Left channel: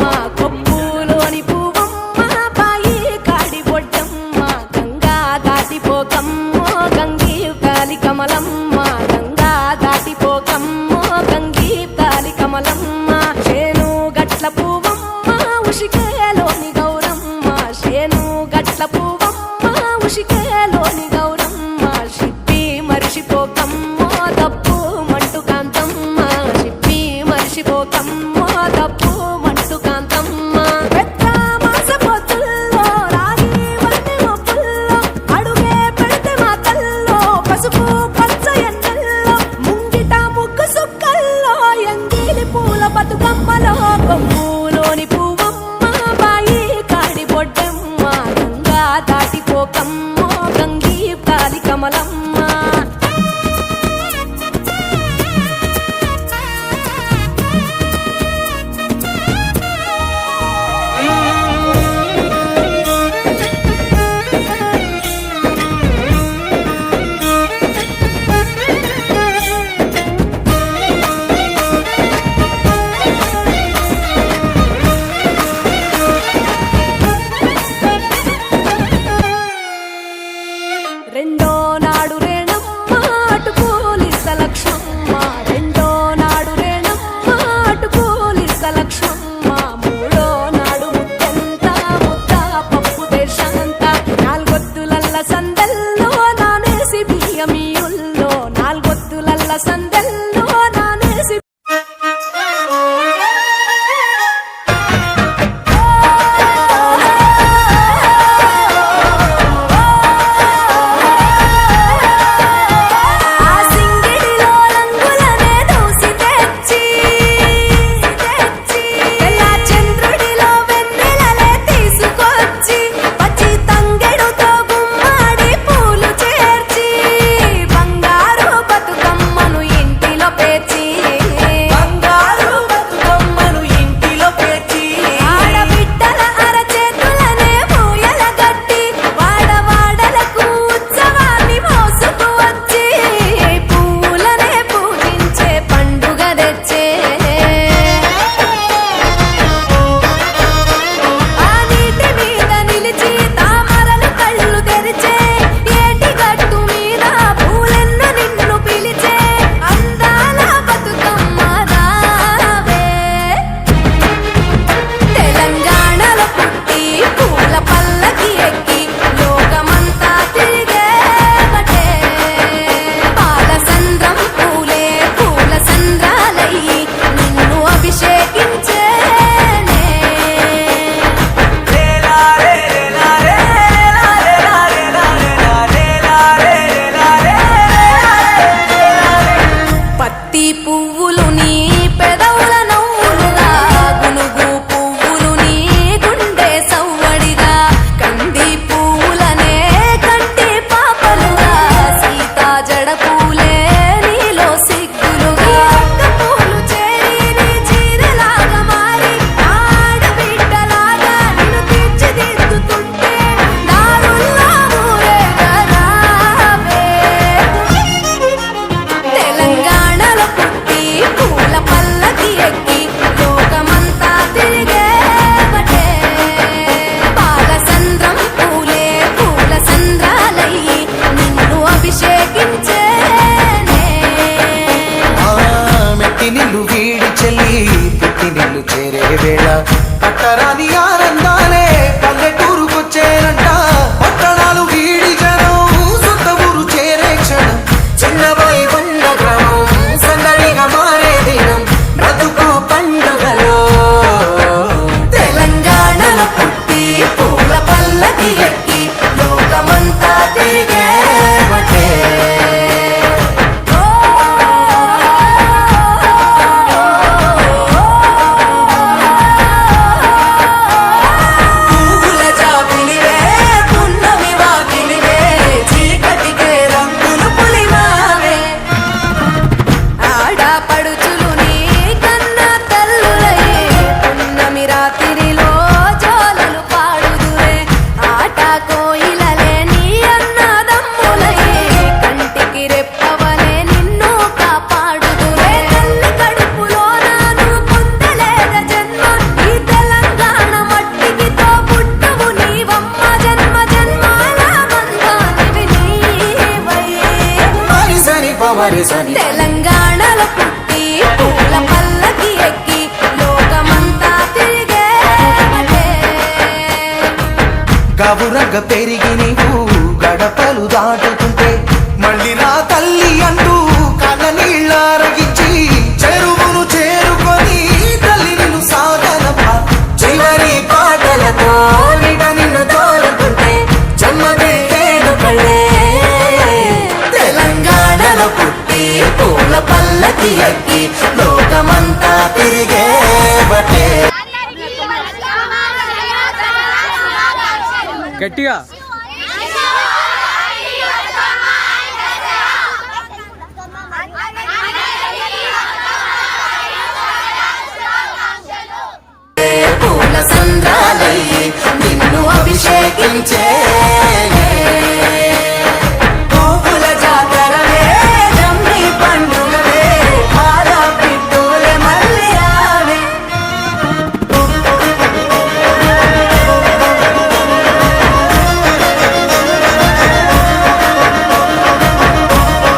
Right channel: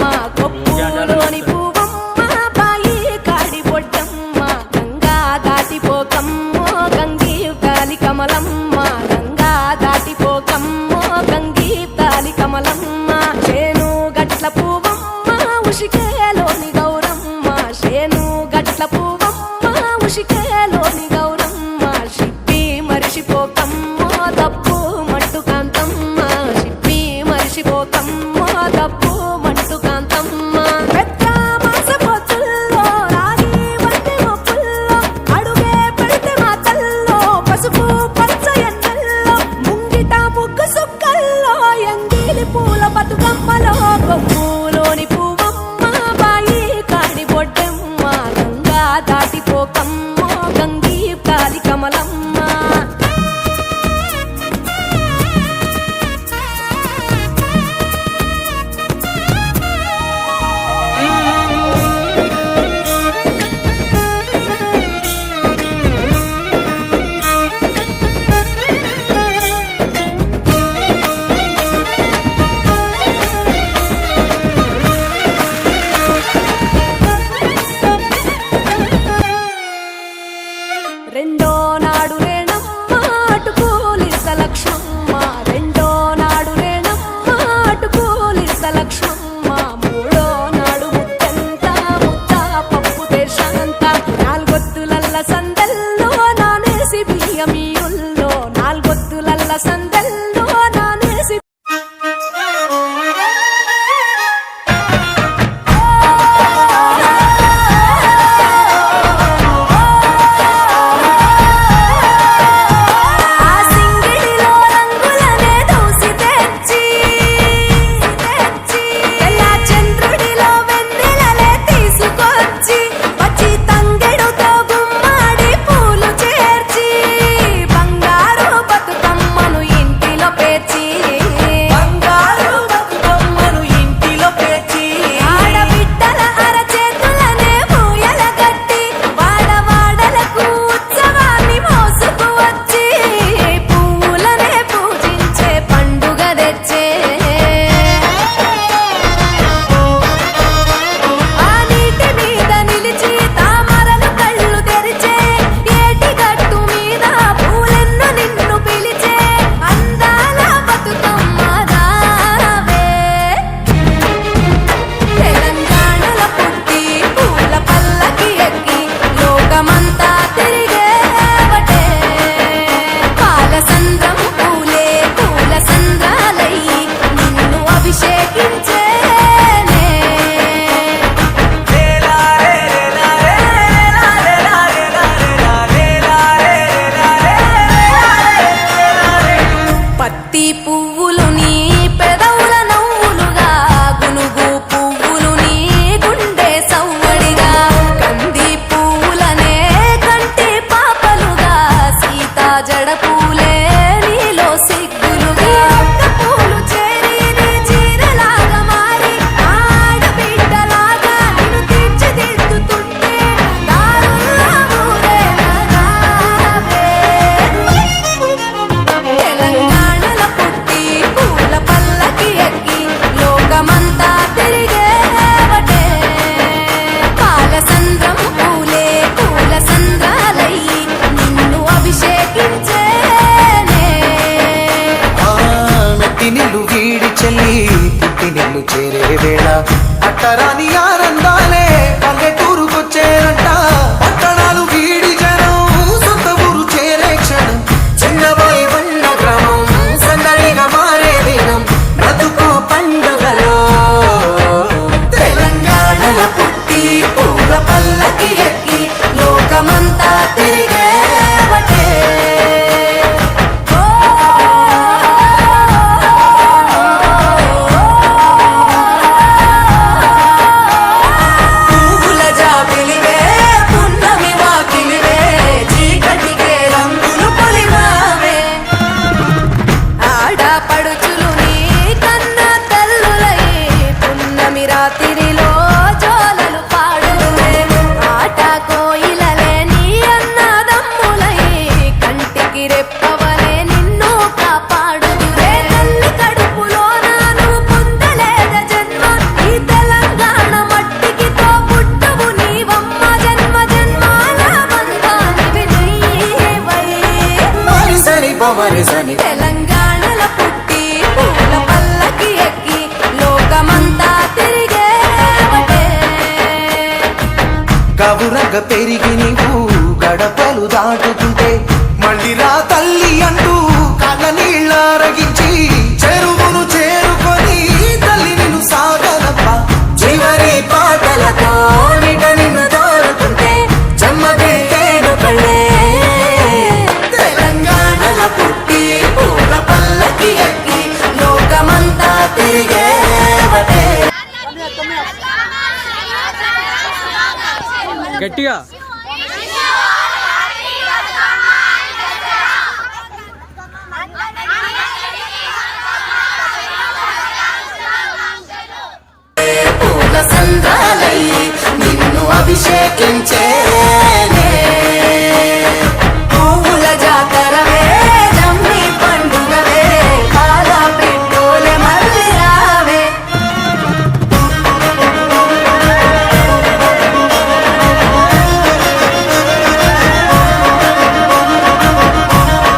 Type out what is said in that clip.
బొడ్డమ్మ కొప్పులోని పువ్వమ్మ బాయి కాడి బొడ్డమ్మ గంగా దాటిపోకమ్మో గంగీ కాలి కమలమ్మ గంగా దాటిపోకమ్మో గంగీ కాలి కమలమ్మ చేను గట్ల పువ్వమ్మ ఉషికేలోని గౌరమ్మ చేను గట్ల పువ్వమ్మ ఉషికేలోని గౌరమ్మ షిప్పి మరిషిపోకమ్మో తప్పు మంటు కాంతమ్మ షిప్పి మరిషిపోకమ్మో తప్పు మంటు కాంతమ్మ పెద్ద మాస పొత్తుల్లో రాగి వంటి మొప్పుల్లో అడుగే పెడితే మాతల్లో పసుపు పచ్చ ఎండల్లో ముంగిట ముగ్గు సుక్కల్లో ఎంగిలి పూల బతుకమ్మలో కొమ్ములోని పువ్వమ్మ బాయి కాడి బొడ్డమ్మ గంగా దాటిపోకమ్మో గంగీ కాలి కమలమ్మ రెండో నాడు రేణమ్మ అటు పోలిస్త లక్ష్మమ్మ రెండో నాడు రేణమ్మ అటు పోలిస్త లక్ష్మమ్మ మూడో నాడు ముత్తెంత ముద్ద పప్పు దేశంత నాలుగొత్తులల్ల సందెల్లో నానేసి బియ్యమీయుల్లో నాలుగొత్తులల్ల సందెల్లో నానేసి పువ్వులు నీ పెదవుల నవ్వులుగా గునుగు పువ్వులు నీ గుండె సవ్వడిగా కంది పువ్వులనే కంటి పాపలుగా సీతా జడ పూలే నీలో సిగ్గులుగా ఒక్క పూలు చేరి నీ చీరలాగా మారి ఆడబిడ్డలాగా నిన్ను తీర్చిదిద్దుతుంటే దారుల్లా నిల్లు వీడి చెల్లి పుట్టి నిల్లు చేరే వేళ అట్టరాని ఆనందాలే పల్లెటూరుకొచ్చేనంట పట్టణాలు వీడి జనం సొంత ఊరు చేరే క్షణం చిన్నబోయి ఉన్న గ్రామం సందడిగా మారే దినం బ్రతుకు పండుగలో తెలంగాణల పుట్టి పూల పల్లకి ఎక్కి లోకమంతా తిరిగే పడుచులు నీ కన్నా తల్లులై పున్నమి రాత్రిలో జోలలు పాడుదురే ఆట కోయిలలే నీ అన్నదమ్ములై కంటికి రెప్పవలే నిన్ను కాపాడుదురే తల్లి కడుపులో నాను పొందలేద జన్మ ఈ తెల గమరిసని తెలంగాణలో పుట్టి పూల పల్లకి ఎక్కి లోకమంతా తిరిగేవటే. గవురగ పెరిగి నీవు గడపలు దాటుతుంటే మళ్ళీ రా తల్లి అంటూ కళ్ళ నీళ్ళారగించి చెరువును చేరుకొని తల్లి నిన్ను సాగనప్ప చివరి పాటలతో నిట నిన్ను తోరుకుంటే జన్మదిట్టేను కళ్ళే. తెలంగాణలో పుట్టి పూల పల్లకి ఎక్కి లోకమంతా తిరిగేవటే. గట్టిగా